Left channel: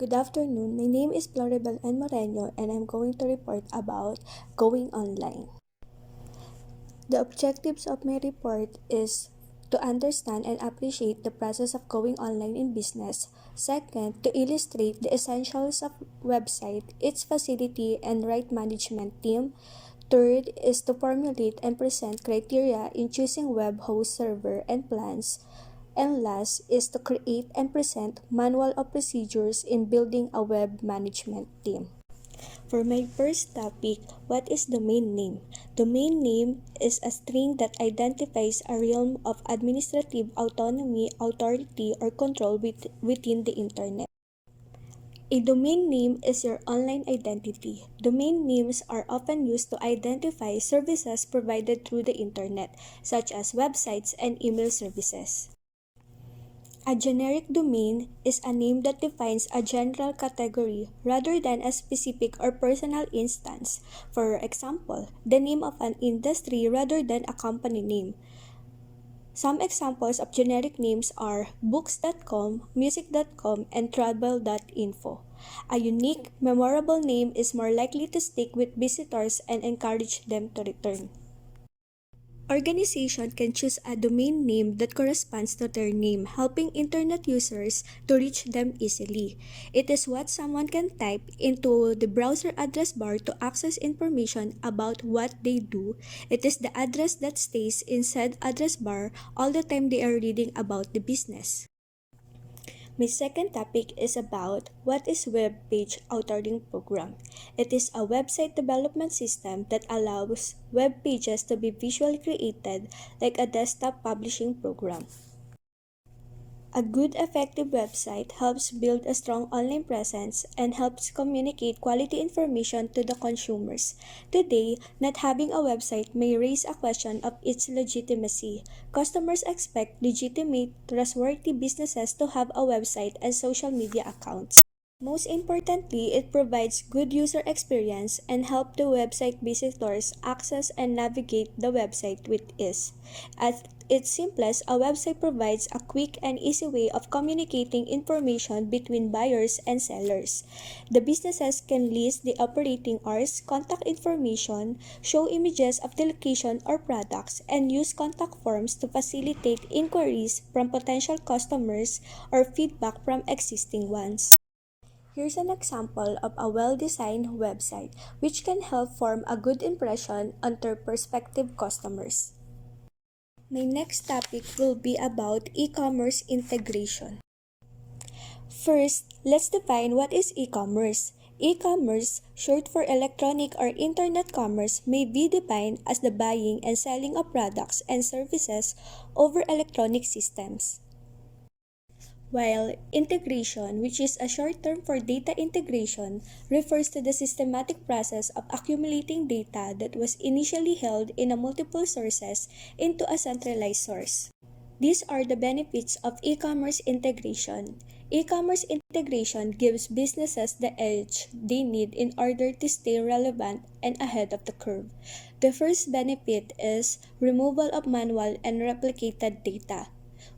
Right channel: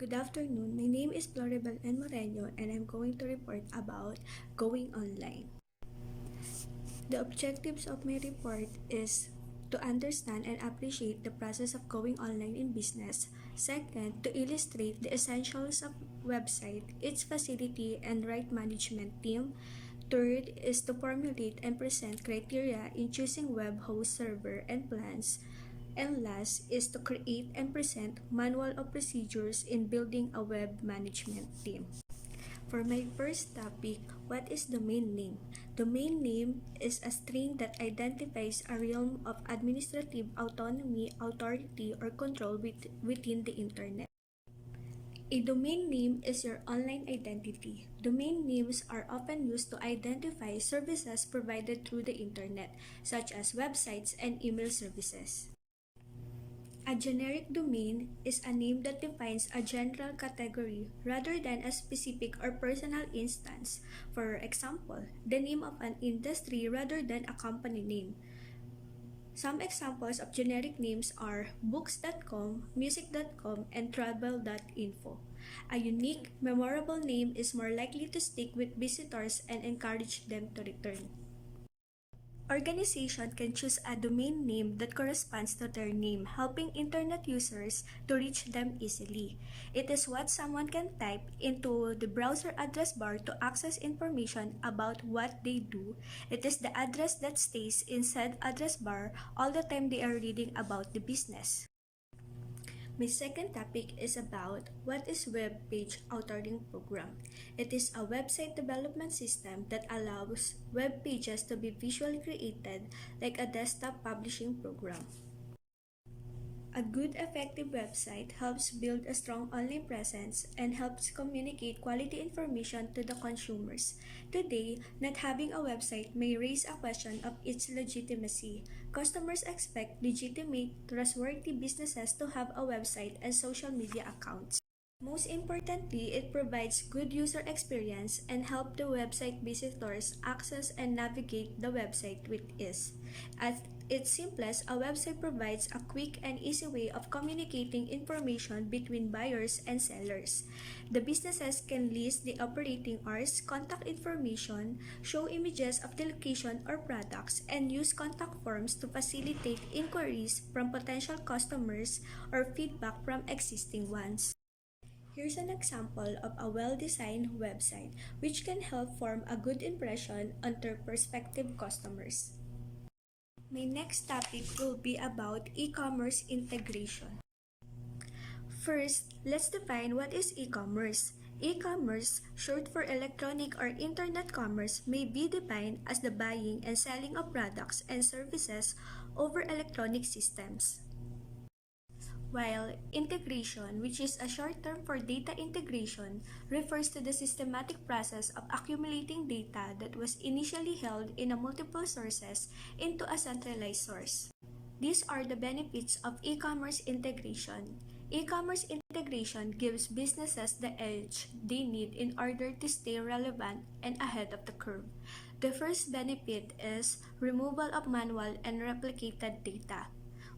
Good afternoon. My name is Floribel N. Moreno and I'm going to report about going online. The objectives of my report is to understand and appreciate the process of going online in business. Second, to illustrate the essentials of website, its facility and right management team. Third is to formulate and present criteria in choosing web host server and plans. And last is to create and present manual of procedures in building a web management team. For my first topic, what is domain name? Domain name is a string that identifies a realm of administrative autonomy, authority, or control within the internet. A domain name is your online identity. Domain names are often used to identify services provided through the internet, such as websites and email services. A generic domain is a name that defines a general category rather than a specific or personal instance. For example, the name of an industry rather than a company name. Some examples of generic names are books.com, music.com, and travel.info. A unique, memorable name is more likely to stick with visitors and encourage them to return. Organization can choose a domain name that corresponds to their name, helping internet users to reach them easily. It is what someone can type into the browser address bar to access information about what they do. It is the address that stays inside address bar all the time they are reading about the business. My second topic is about what is Web Page Authoring Program. It is a website development system that allows web pages to be visually created like a desktop publishing program. A good, effective website helps build a strong online presence and helps communicate quality information to the consumers. Today, not having a website may raise a question of its legitimacy. Customers expect legitimate, trustworthy businesses to have a website and social media accounts. Most importantly, it provides good user experience and help the website visitors access and navigate the website with ease. At its simplest, a website provides a quick and easy way of communicating information between buyers and sellers. The businesses can list the operating hours, contact information, show images of the location or products, and use contact forms to facilitate inquiries from potential customers or feedback from existing ones. Here's an example of a well-designed website which can help form a good impression on their prospective customers. My next topic will be about e-commerce integration. First, let's define what is e-commerce. E-commerce, short for electronic or internet commerce, may be defined as the buying and selling of products and services over electronic systems. While integration, which is a short term for data integration, refers to the systematic process of accumulating data that was initially held in a multiple sources into a centralized source. These are the benefits of e-commerce integration. E-commerce integration gives businesses the edge they need in order to stay relevant and ahead of the curve. The first benefit is removal of manual and replicated data.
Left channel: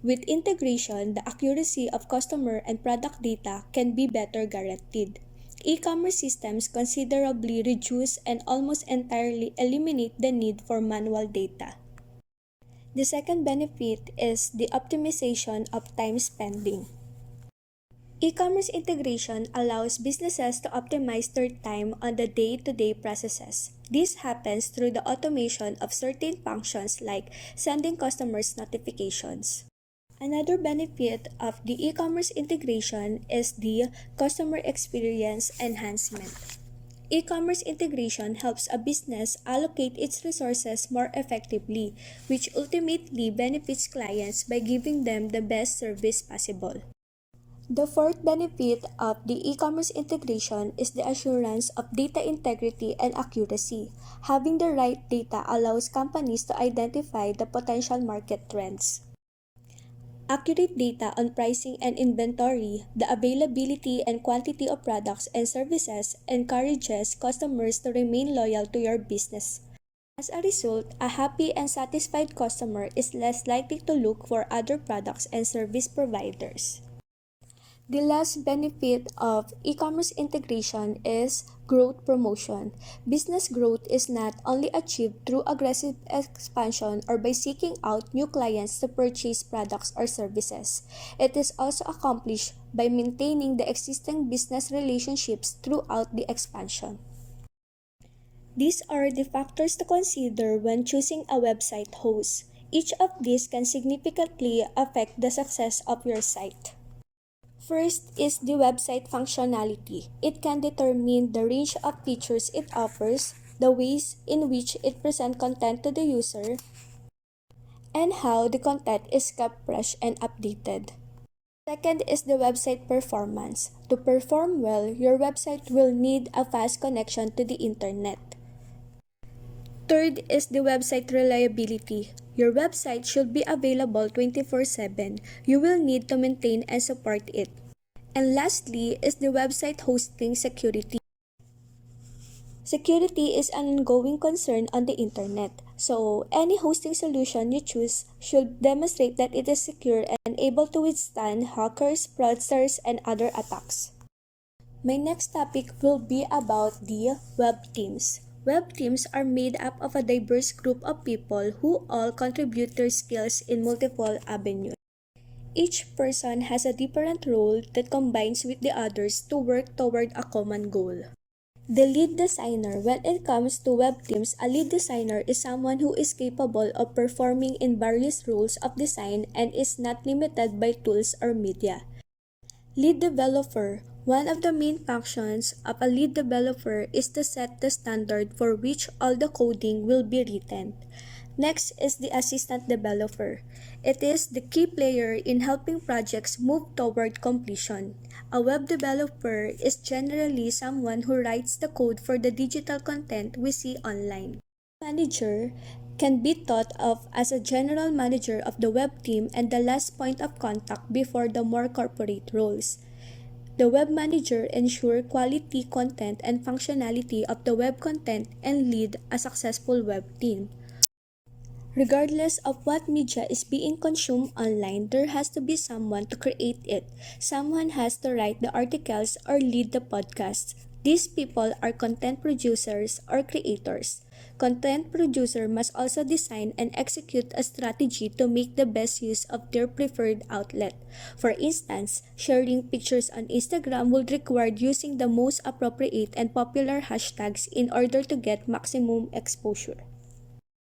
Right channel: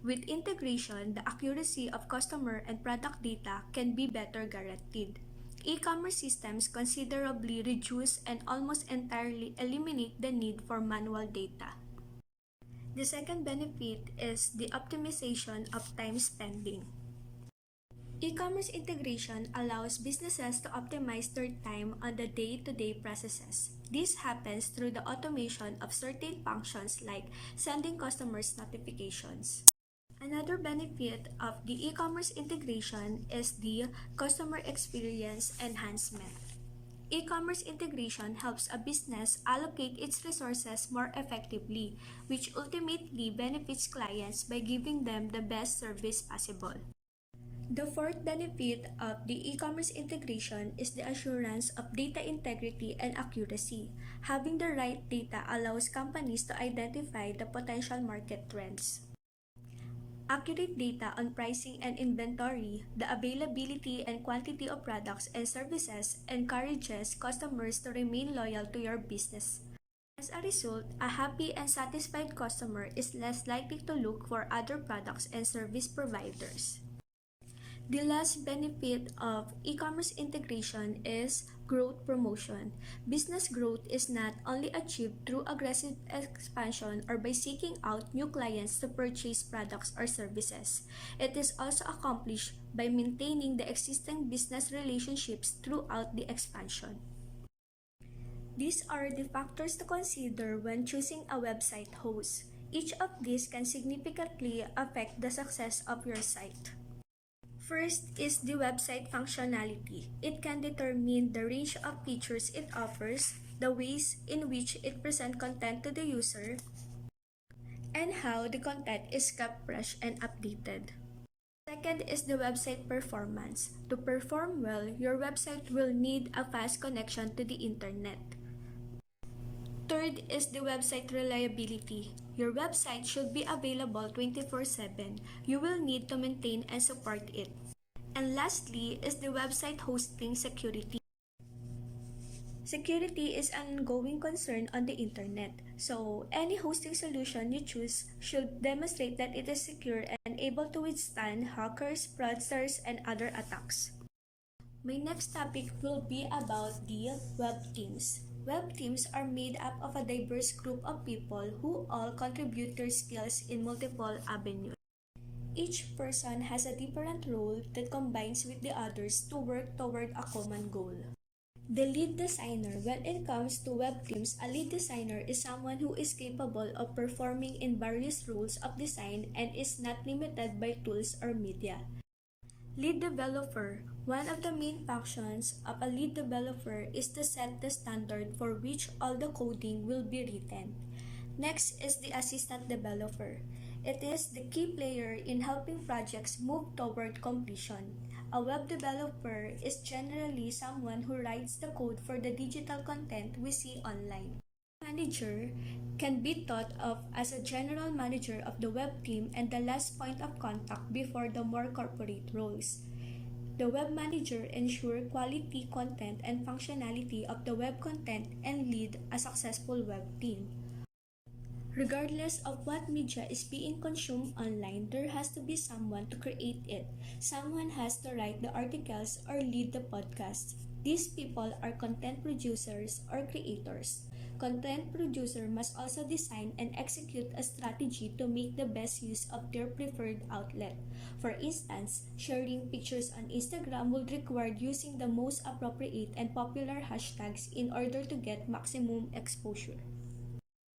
With integration, the accuracy of customer and product data can be better guaranteed. E-commerce systems considerably reduce and almost entirely eliminate the need for manual data. The second benefit is the optimization of time spending. E-commerce integration allows businesses to optimize their time on the day-to-day processes. This happens through the automation of certain functions like sending customers notifications. Another benefit of the e-commerce integration is the customer experience enhancement. E-commerce integration helps a business allocate its resources more effectively, which ultimately benefits clients by giving them the best service possible. The fourth benefit of the e-commerce integration is the assurance of data integrity and accuracy. Having the right data allows companies to identify the potential market trends. Accurate data on pricing and inventory, the availability and quantity of products and services encourages customers to remain loyal to your business. As a result, a happy and satisfied customer is less likely to look for other products and service providers. The last benefit of e-commerce integration is growth promotion. Business growth is not only achieved through aggressive expansion or by seeking out new clients to purchase products or services. It is also accomplished by maintaining the existing business relationships throughout the expansion. These are the factors to consider when choosing a website host. Each of these can significantly affect the success of your site. First is the website functionality. It can determine the range of features it offers, the ways in which it presents content to the user, and how the content is kept fresh and updated. Second is the website performance. To perform well, your website will need a fast connection to the internet. Third is the website reliability. Your website should be available 24/7. You will need to maintain and support it. And lastly is the website hosting security. Security is an ongoing concern on the internet, so any hosting solution you choose should demonstrate that it is secure and able to withstand hackers, fraudsters, and other attacks. My next topic will be about the web teams. Web teams are made up of a diverse group of people who all contribute their skills in multiple avenues. Each person has a different role that combines with the others to work toward a common goal. The lead designer. When it comes to web teams, a lead designer is someone who is capable of performing in various roles of design and is not limited by tools or media. Lead developer. One of the main functions of a lead developer is to set the standard for which all the coding will be written. Next is the assistant developer. It is the key player in helping projects move toward completion. A web developer is generally someone who writes the code for the digital content we see online. Manager can be thought of as a general manager of the web team and the last point of contact before the more corporate roles. The web manager ensures quality content and functionality of the web content and lead a successful web team. Regardless of what media is being consumed online, there has to be someone to create it. Someone has to write the articles or lead the podcasts. These people are content producers or creators. Content producer must also design and execute a strategy to make the best use of their preferred outlet. For instance, sharing pictures on Instagram would require using the most appropriate and popular hashtags in order to get maximum exposure.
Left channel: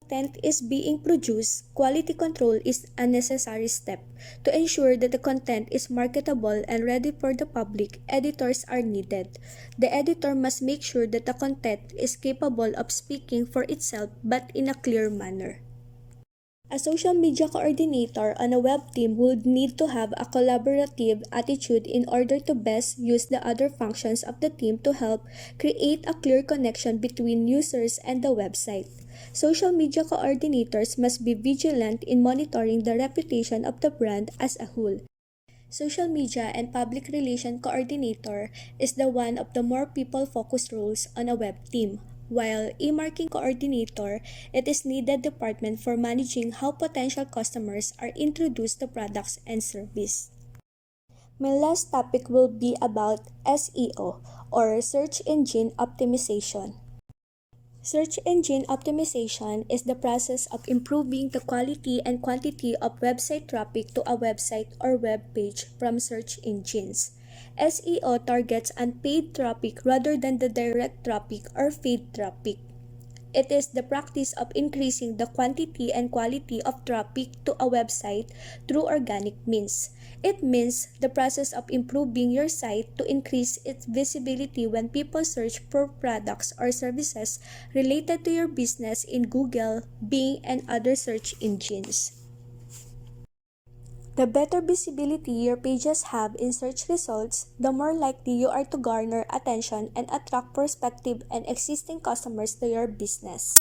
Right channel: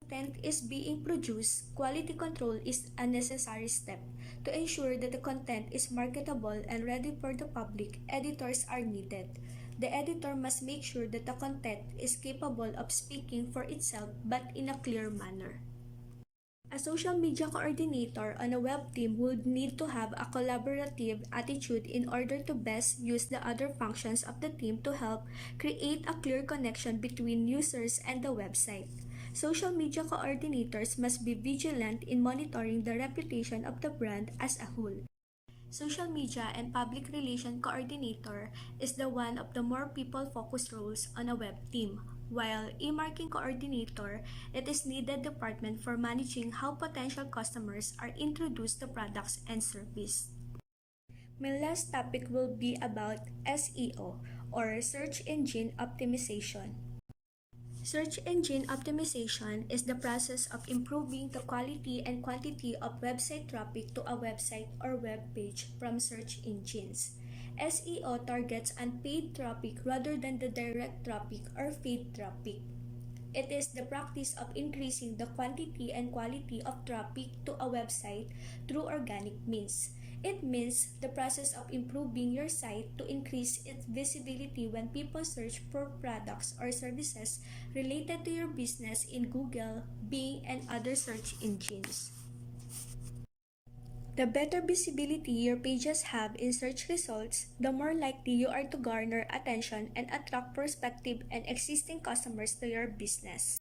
Content is being produced, quality control is a necessary step. To ensure that the content is marketable and ready for the public, editors are needed. The editor must make sure that the content is capable of speaking for itself but in a clear manner. A social media coordinator on a web team would need to have a collaborative attitude in order to best use the other functions of the team to help create a clear connection between users and the website. Social media coordinators must be vigilant in monitoring the reputation of the brand as a whole. Social media and public relation coordinator is the one of the more people-focused roles on a web team, while e-marketing coordinator, it is needed department for managing how potential customers are introduced to products and service. My last topic will be about SEO or search engine optimization. Search engine optimization is the process of improving the quality and quantity of website traffic to a website or web page from search engines. SEO targets unpaid traffic rather than the direct traffic or paid traffic. It is the practice of increasing the quantity and quality of traffic to a website through organic means. It means the process of improving your site to increase its visibility when people search for products or services related to your business in Google, Bing, and other search engines. The better visibility your pages have in search results, the more likely you are to garner attention and attract prospective and existing customers to your business.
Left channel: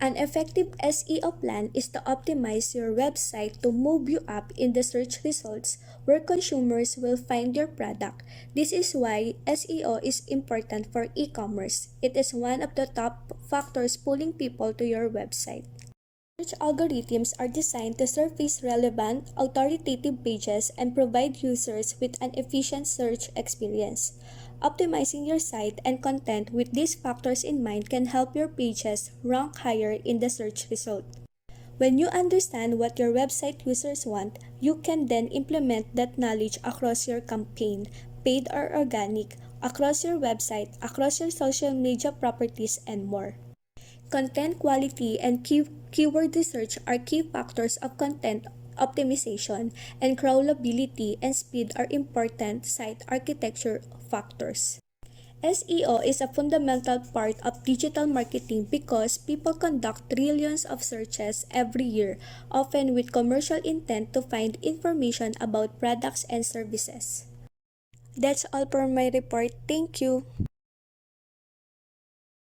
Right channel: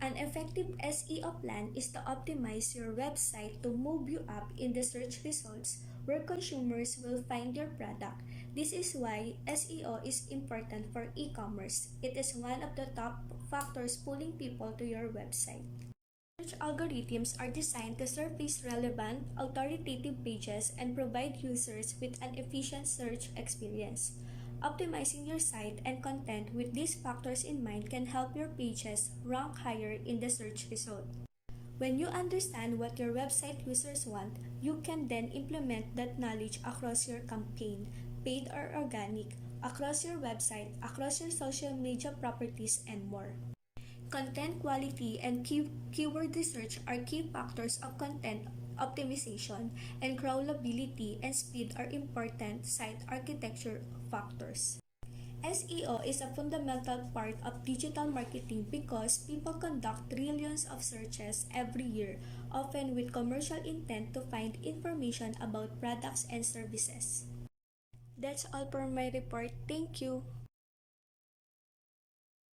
An effective SEO plan is to optimize your website to move you up in the search results where consumers will find your product. This is why SEO is important for e-commerce. It is one of the top factors pulling people to your website. Search algorithms are designed to surface relevant, authoritative pages and provide users with an efficient search experience. Optimizing your site and content with these factors in mind can help your pages rank higher in the search result. When you understand what your website users want, you can then implement that knowledge across your campaign, paid or organic, across your website, across your social media properties, and more. Content quality and keyword research are key factors of content optimization, and crawlability and speed are important site architecture factors. SEO is a fundamental part of digital marketing because people conduct trillions of searches every year, often with commercial intent to find information about products and services. That's all for my report. Thank you.